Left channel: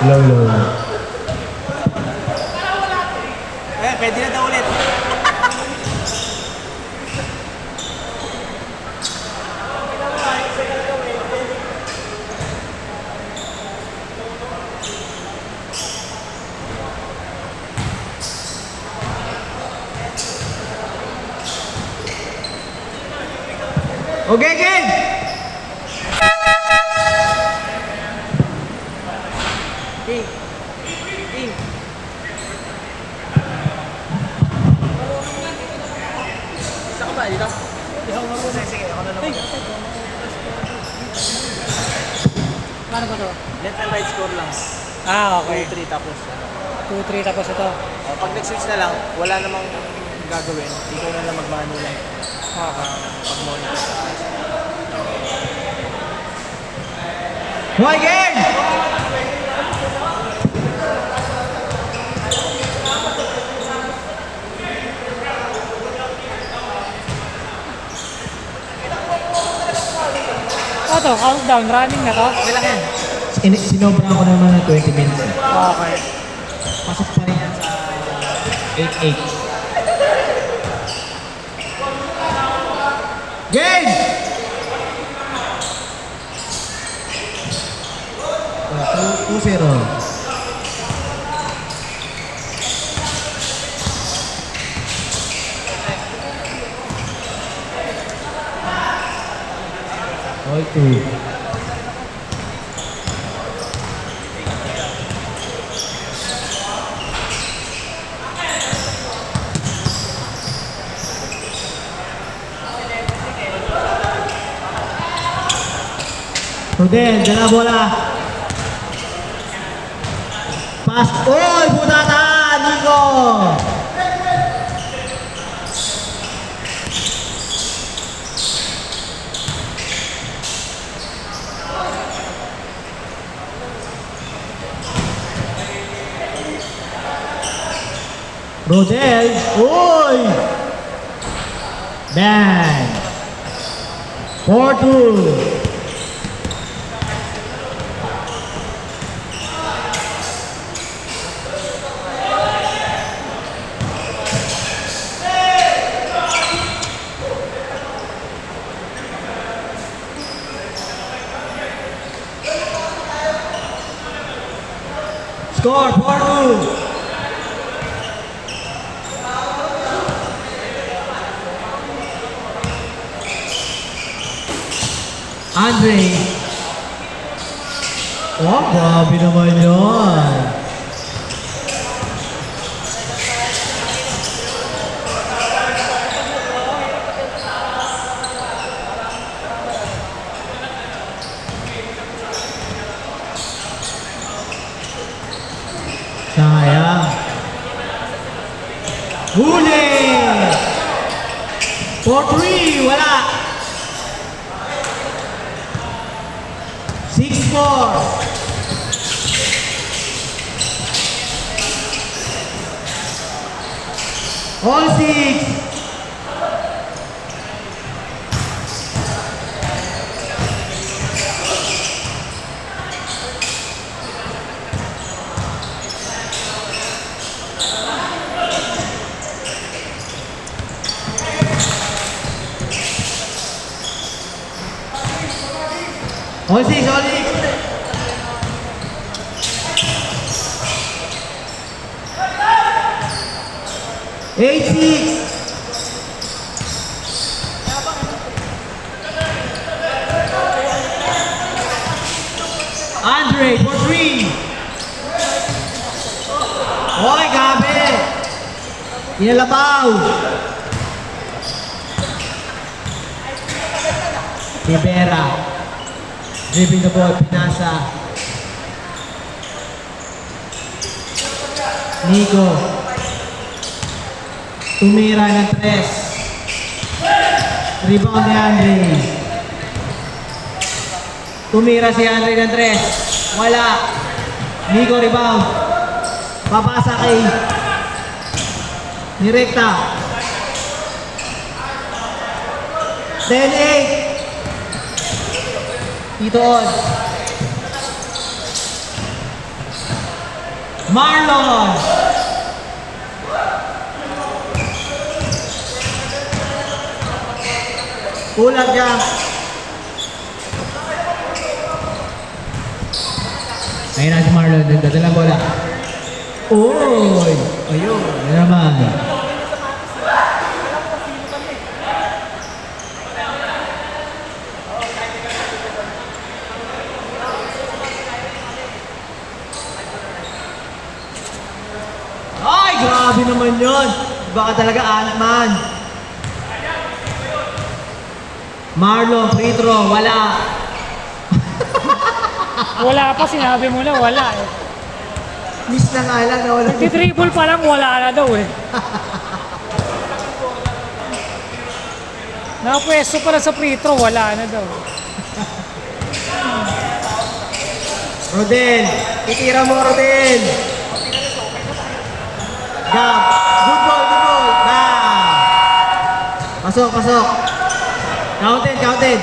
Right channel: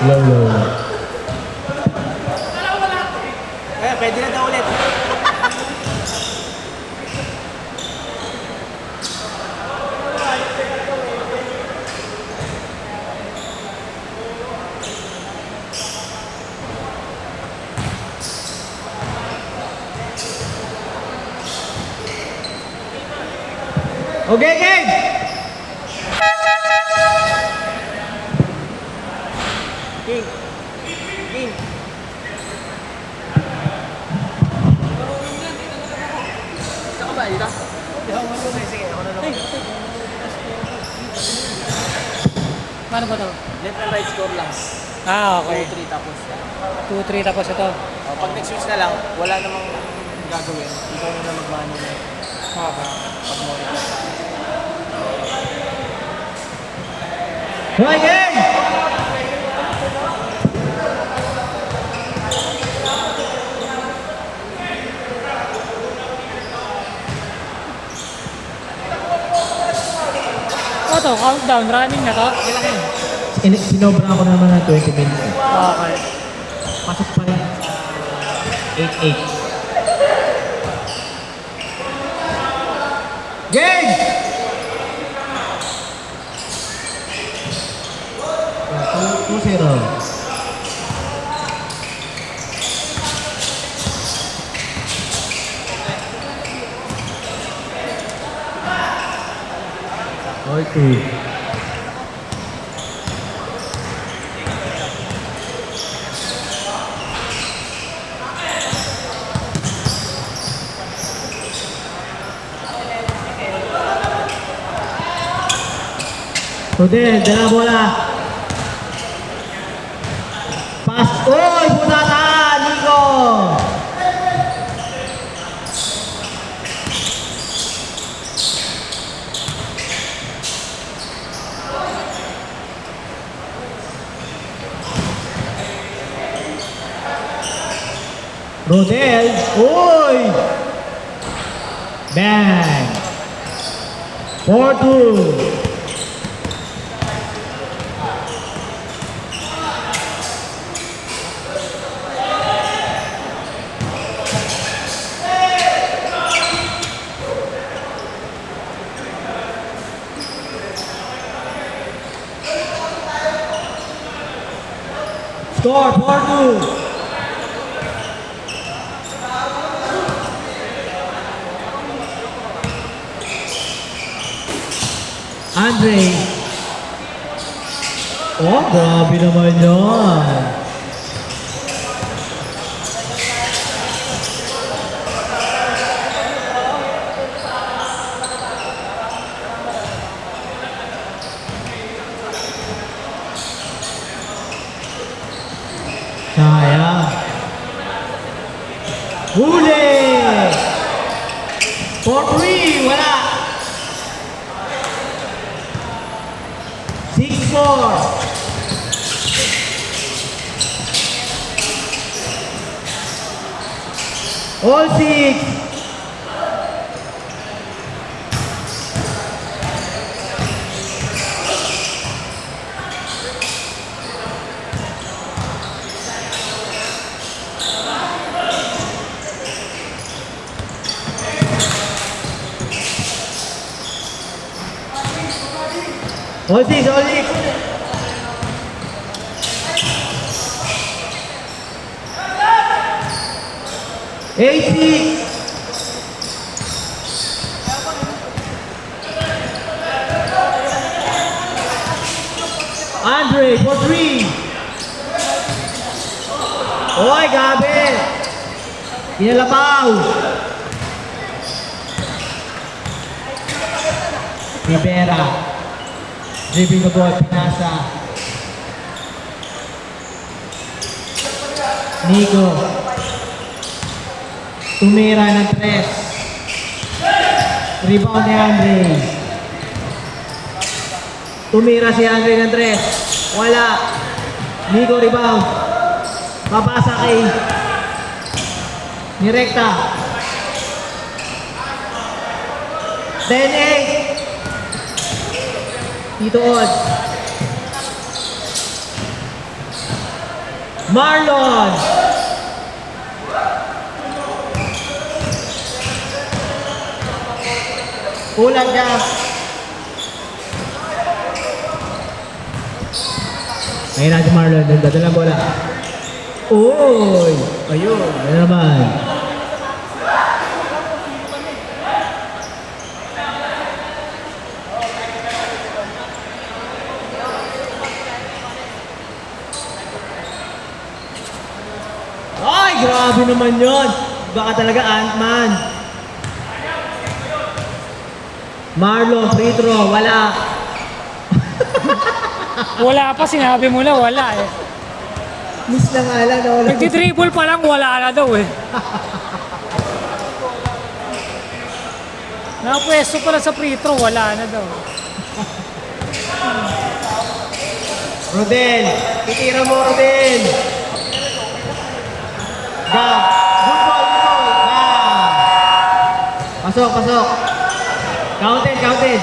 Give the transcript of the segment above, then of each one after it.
Low, low. Eh, pwede na daw ulit. Okay, game! King. King. Isa ka ba? Dito? Sige, ako na naman. Ano ba ito? Left and right score lang. Ah, okay. 2-3 tapos. 2-3 tapos ito. Pag nag-switch na lang, wala namang gagawin. Ikaw na lang mag-mano lang. Okay. Pag-monitor. Okay, game! Ano to? Countdown. Running na to? Okay lang yan. Sinobra ko naman ng 20 minutes. Okay. Pasok pa rin yan sa 8-8. Game! 2-0. All 2. Rodel, dala bola. Pas. Oy, butata, Nico. Rodel, oy. Bang. 4-2. Score 4-2. Andre. Oh, grabe naman yun. Sayang. Huli! 4-3, wala. 6-4. All 6. All 6, all 6. Eight, 6. Andre for 3. Oy, gabi. Inalabaw. Rivera. Dribbling the ball, pinasa. Nico. Tumira ng 3. Rebound ni Andre. Tumira si Andre ng 3. Wala. Nico rebound. Papasa kay Nirekta. 10-8. Tito Od. Marlon. Kulang jump. Ayun na si Marlon, nagdadalang bola. Uy! Ayun, yan naman. Ay, grabe naman yun. Baka talaga Ant-Man. Marlon, free throw, wala. Wala pa, sinabi mo na wala eh. Miss na nga lang na wala. Nagtitribble pa lang, wala na daw eh. Nakapwesto pala sa free throw, wala na daw. Rodel, titira mo Rodel. Gab, good ball, good ball. Bam! Pasok, pasok. Counted, counted.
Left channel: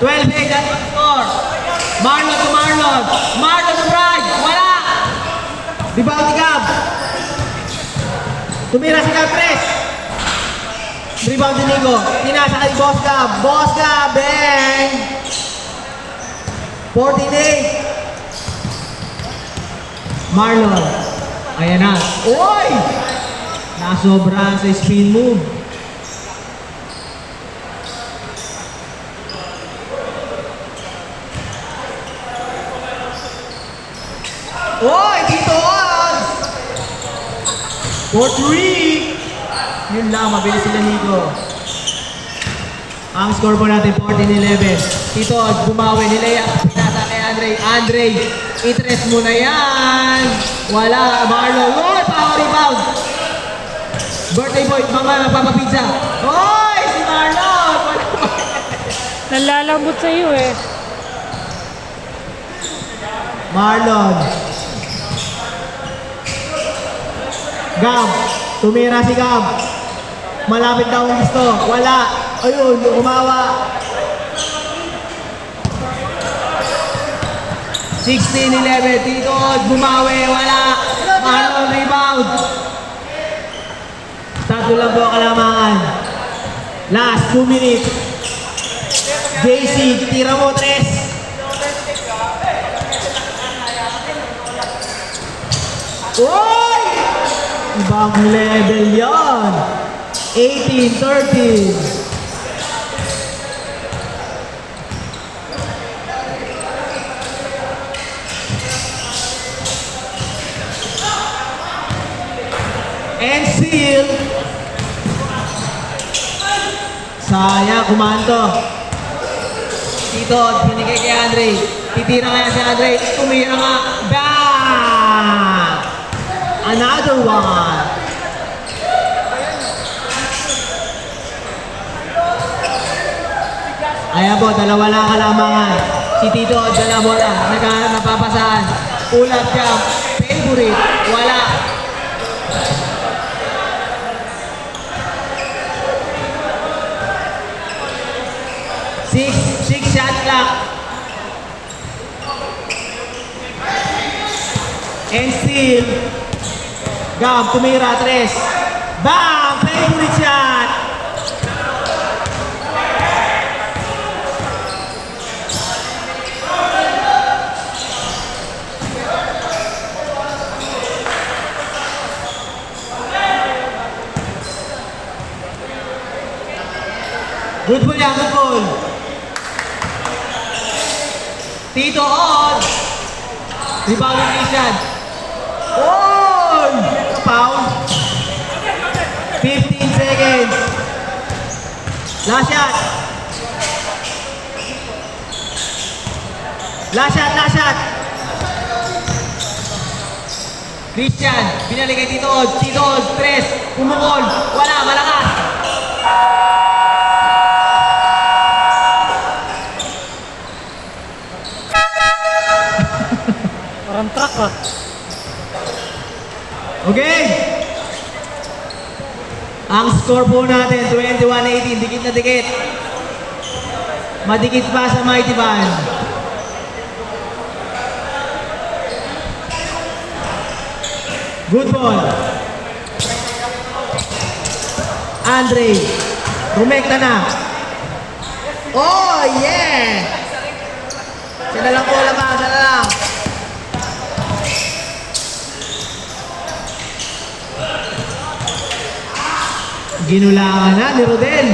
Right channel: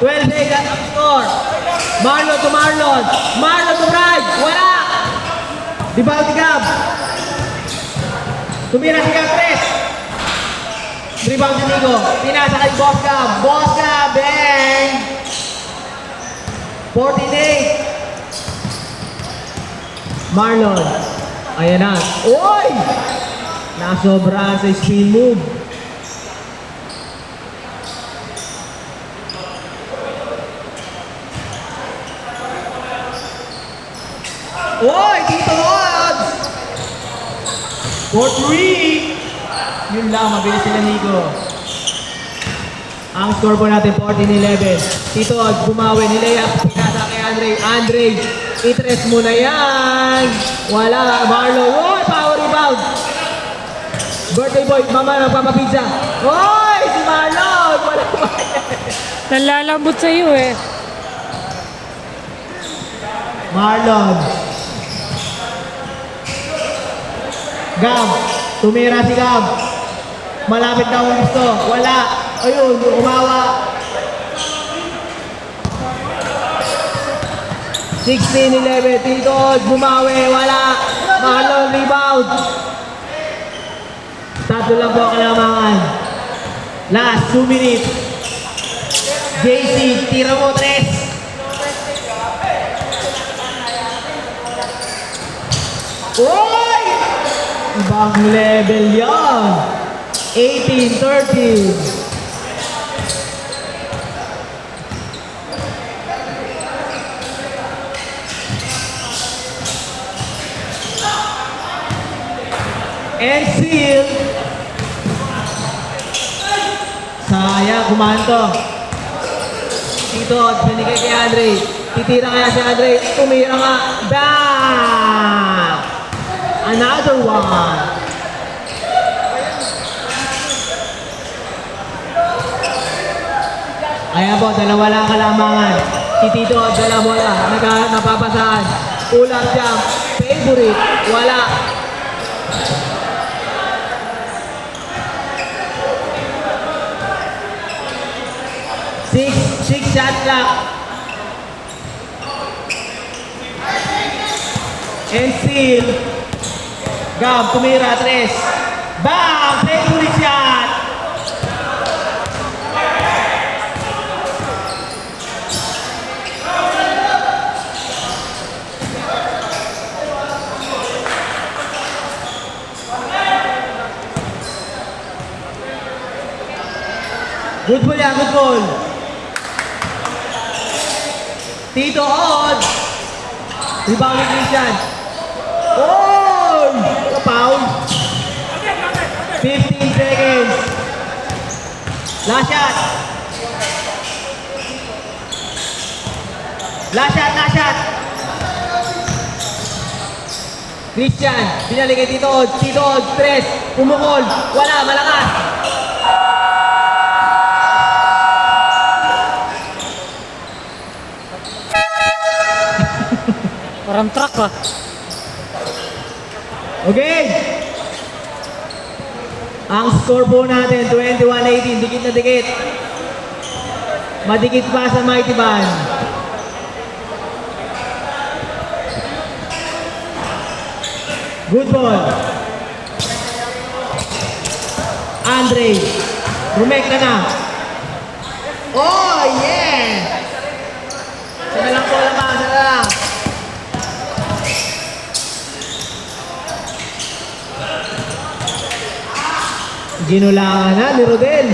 Twelve eight at ang score. Marlon to Marlon. Marlon to Bride. Wala. Dibaw ni Gab. Tumira si Gab Tres. Rebound si Nico. Pinasa kay Boss Gab. Boss Gab. Bang. 14-8. Marlon. Ayan na. Uy! Nasobrahan sa spin move. Uy! Dito on! 4-3. Yun lang, mabilis sila Nico. Ang score po natin, 14-11. Tito, bumawi ni Lea. Pinasa kay Andre. Andre, itres mo na yan. Wala, Marlon. Uy, power rebound. Birthday boy, mama, magpapapizza. Uy, si Marlon. Wala pa. Nalalambot sa iyo eh. Marlon. Gab, tumira si Gab. Malapit na ang gusto. Wala. Ayun, umawa. 16-11. Tito, bumawi. Wala. Marlon, rebound. Tatlo lang po kalamangan. Last 2 minutes. JC, tira mo, tres. Uy! Ibang level yan. 18-13. And seal. Sayang, kumanto. Tito, binigay kay Andre. Titira kaya si Andre. Tumira nga. Bang! Another one. Ayan po, dalawa lang kalamangan. Si Tito, dala bola. Napapasahan. Pull-up jump. Favorite. Wala. Six shot clock. And still, Gab, tumira, tres. Bang! Favorite shot! Good ball yan, good ball. Tito on. Rebound ni Christian. Oy! Ka-foul. 15 seconds. Last shot. Last shot, last shot. Christian, binalik kay Tito Od. Tito Od, tres. Pumukol. Wala, malakas. Parang truck ah. Okay. Ang score po natin, 21-18. Dikit na dikit. Madikit pa sa Mighty Band. Good ball. Andre. Rumekta na. Oh, yeah! Siya na lang po lamang, siya na lang. Ginulangan na ni Rodel.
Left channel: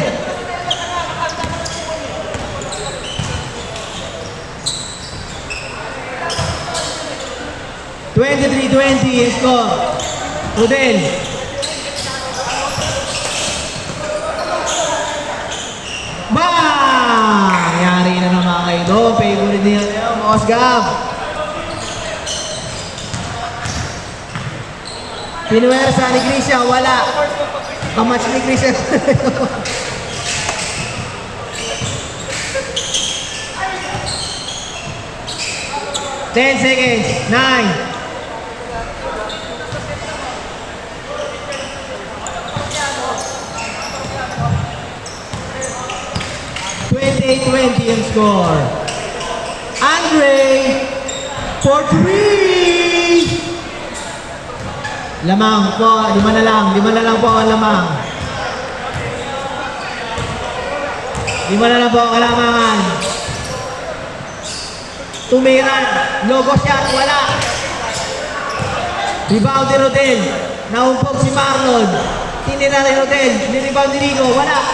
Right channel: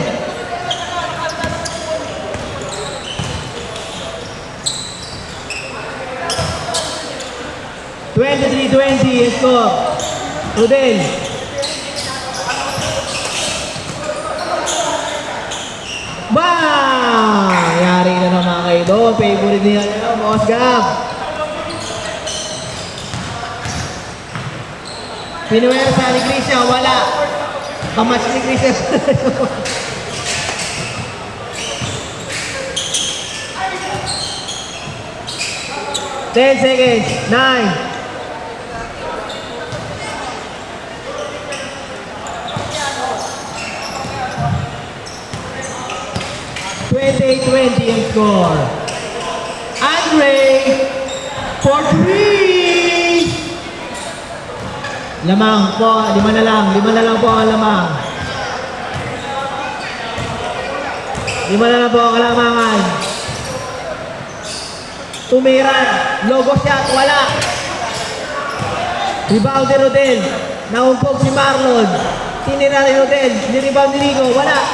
(23-20) score. Rodel. Bang! Yari na naman kayo doon. Favorite niya niyo, Mosgab. Pinuwersa ni Christian, wala. Kamatch ni Christian. 10 seconds. 9. (28-20) ang score. Andre for 3. Lamang po, 5 na lang po ang lamang. 5 na lang po ang kalamangan. Tumiran, logo shot, wala. Rebound ni Rodel, naumpog si Marlon. Tinira ni Rodel, ni-rebound ni Nico, wala.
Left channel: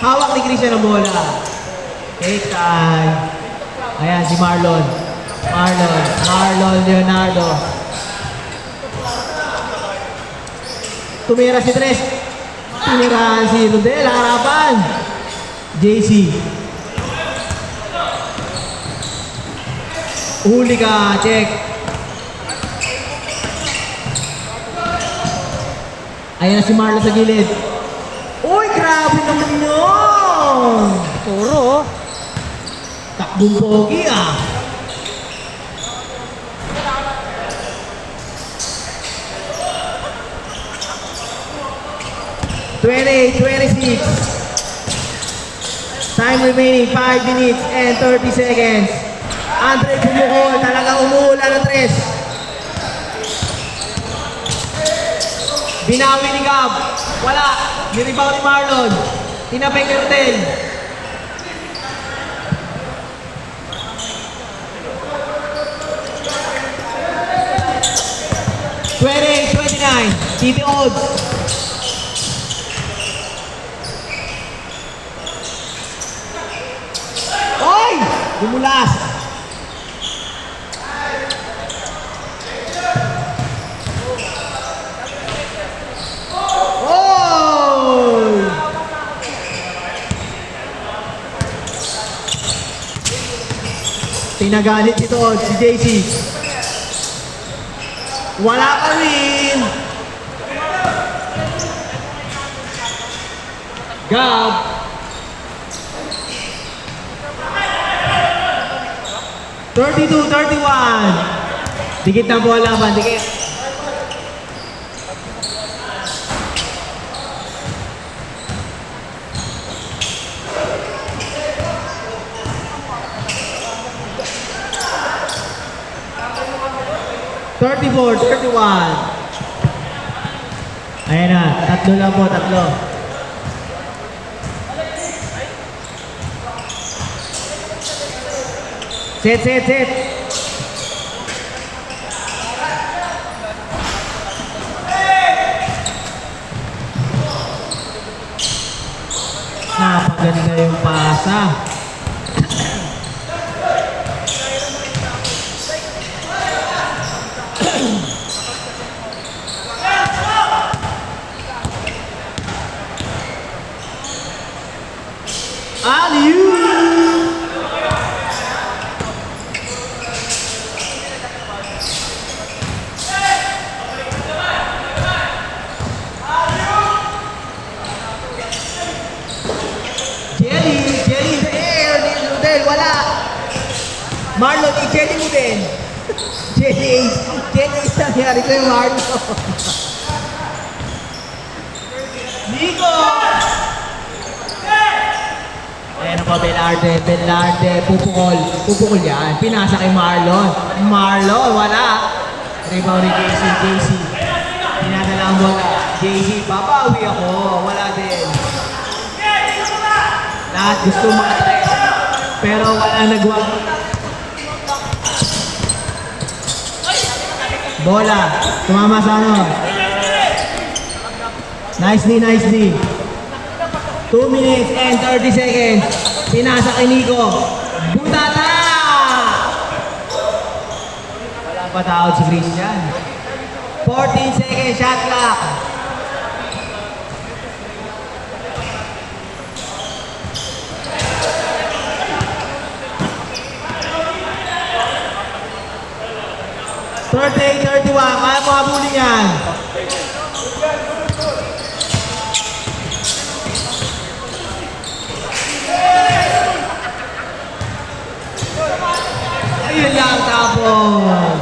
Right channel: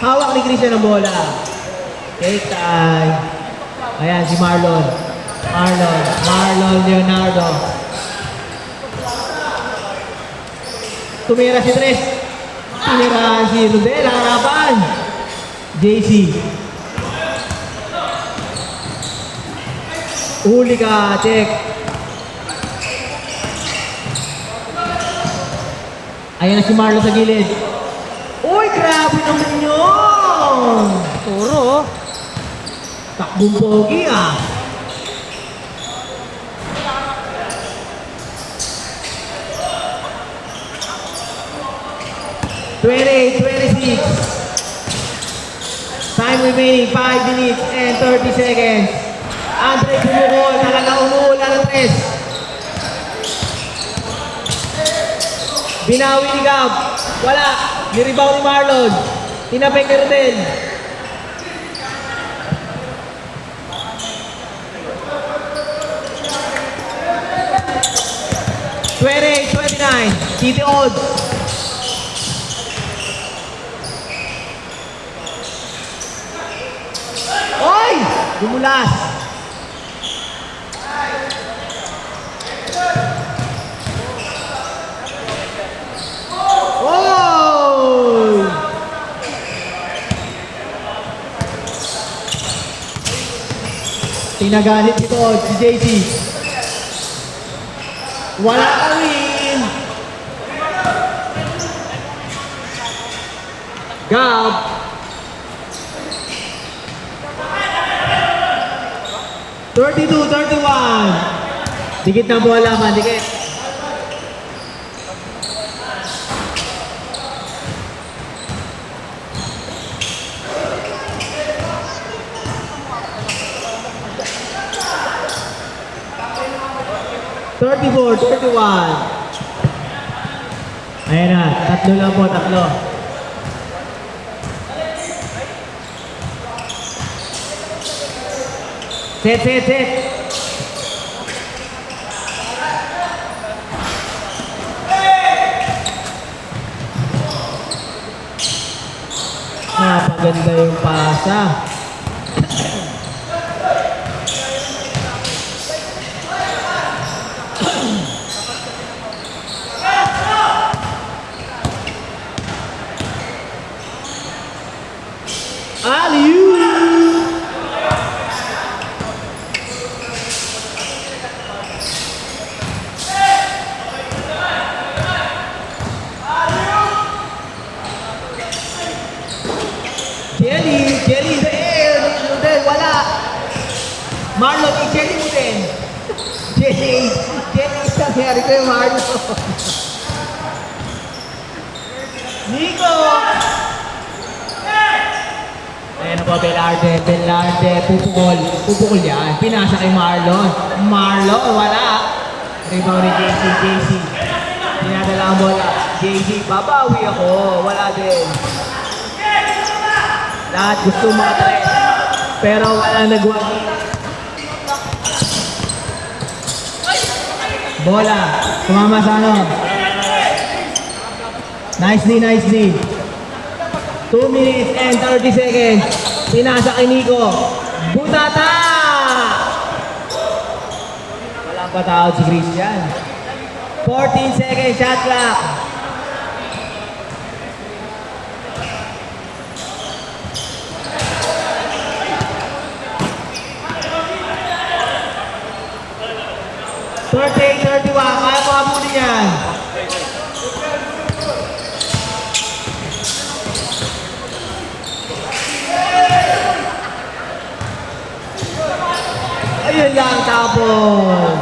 Hawak ni Christian ang bola. Take time. Ayan si Marlon. Marlon Leonardo. Tumira si Tres. Tinirahan si Rodel, harapan. JC. Huli ka, check. Ayan na si Marlon sa gilid. Uy, grabe naman yun! Turo, oh. Takbong pogi ah. (28-26) Time remaining 5 minutes and 30 seconds. Andre bumukol, talaga umuulan ng tres. Binawi ni Gab. Wala. Ni-rebound ni Marlon. Tinapay kay Rodel. (28-29) City Odds. Oy! Dumulas. Oy! Tinagalit ito si JC. Wala ka rin. Gab. (32-31) Dikit na bola man, dikit. (34-31) Ayan na, tatlo lang po, tatlo. Set. Napaganda yung pasa. Alley-oop! Jelly in the air. Rodel, wala. Marlon, i-jelly mo din. Jelly is nangyari kay Marlon. Nico! Ayan na po, Belarde, pupukol yan. Pinasa kay Marlon, wala. Rebound ni JC. Dinadala ang bola. JC, babawi ako. Wala din. Lahat gusto makatres. Pero wala nagwag. Bola. Tumama sa ano. Nice D, nice D. 2 minutes and 30 seconds. Pinasa kay Nico. Butata! Walang patawad si Christian. 14 seconds shot clock. Thirty, 31. Kaya mo habulin yan. Ayun lang, tapon.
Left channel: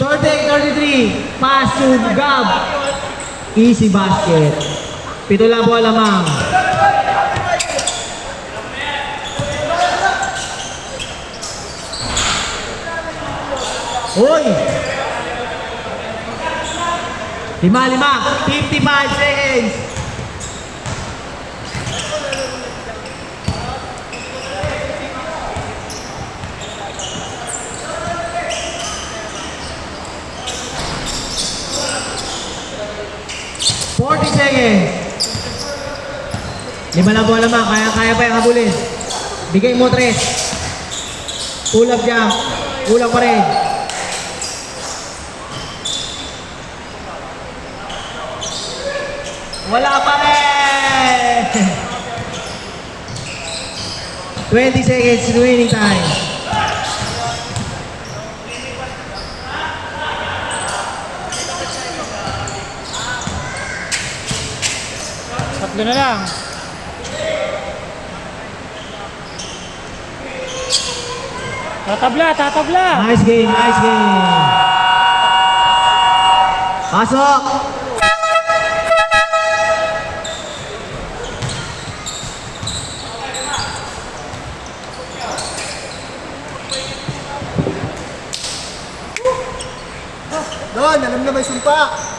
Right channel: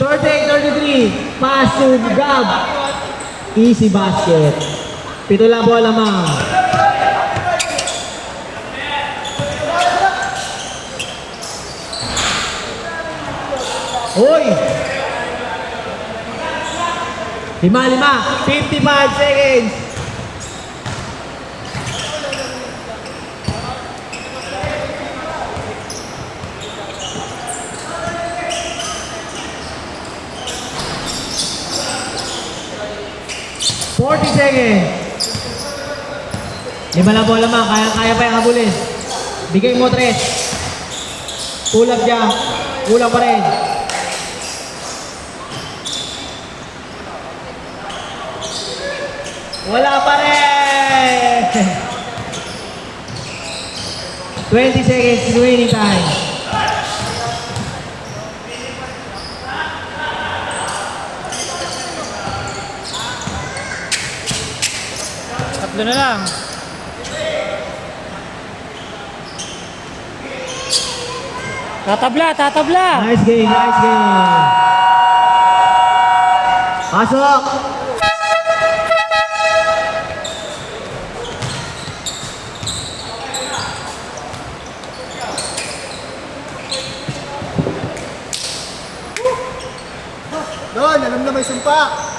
Thirty, 33. Pass to Gab. Easy basket. Pito lang po lamang. Hoy! 5, 55 seconds. Forty seconds. 5 lang po lamang. Kaya pa yung habulin. Bigay mo 3. Pull up jump. Kulang pa rin. Wala pa rin. 20 seconds remaining time. Tatlo na lang. Tatabla. Nice game, nice game. Pasok. Doon, alam na may sumpa.